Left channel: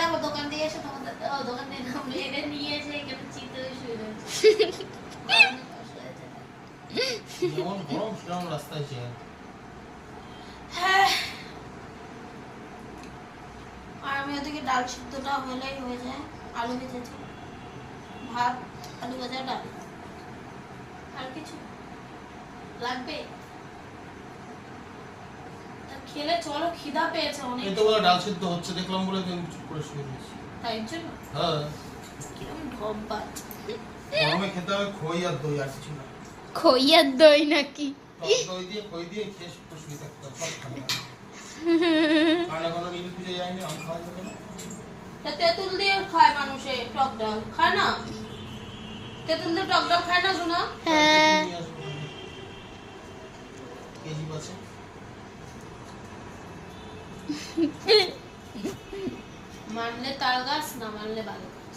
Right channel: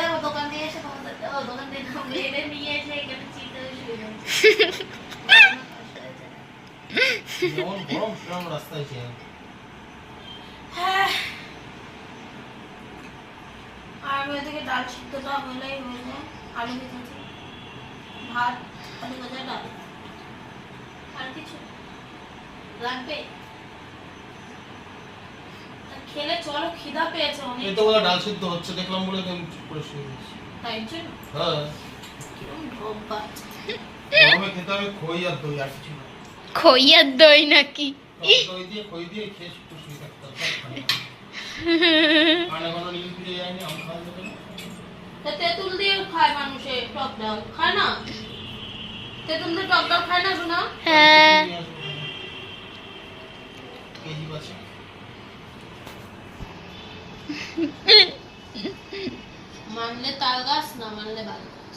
দেখো দোকান দিয়ে এসে তোমাদের দোকান দিয়ে ধমলে এনে নিয়ে এসে এখানে চিন্তা শুয়ে যাচ্ছে। যেমন গরম সেরকম রাস্তায় ছিল। হ্যাঁ আর আমি ওদিকে ডাল সিদ্ধটা হলেই হয়ে যায়, আলু ভেজেছি, ভাত, আলু ভাজা, ডাল, আর কিছু লাগবে? খেলে চলো, খিদা পেয়েছে অনেক। এই তো বলে ডাল সিদ্ধ হচ্ছে দেখলাম বলে আমি চুপ করে শুয়ে গেছি। তাই জন্য হ্যাঁ কিরকম ঢব্বা। গরমে খেতে হবে খই আর দই আর কিছু না। খই আর দই নাকি? দই দিয়ে খই দিয়ে খেয়ে একটু শুয়ে থাকতে হবে। খানা খানা নীল পুজো যায়নি আম খাওয়া যাবে না। তা তেঁতুল দিয়ে খায় মানুষে টক ডাল, খায় না? তেঁতুল দিয়ে টক ডাল খায় না শোনা? হ্যাঁ কেজি আছে মানলে তাল গাছ, না মানলে বাল গাছ।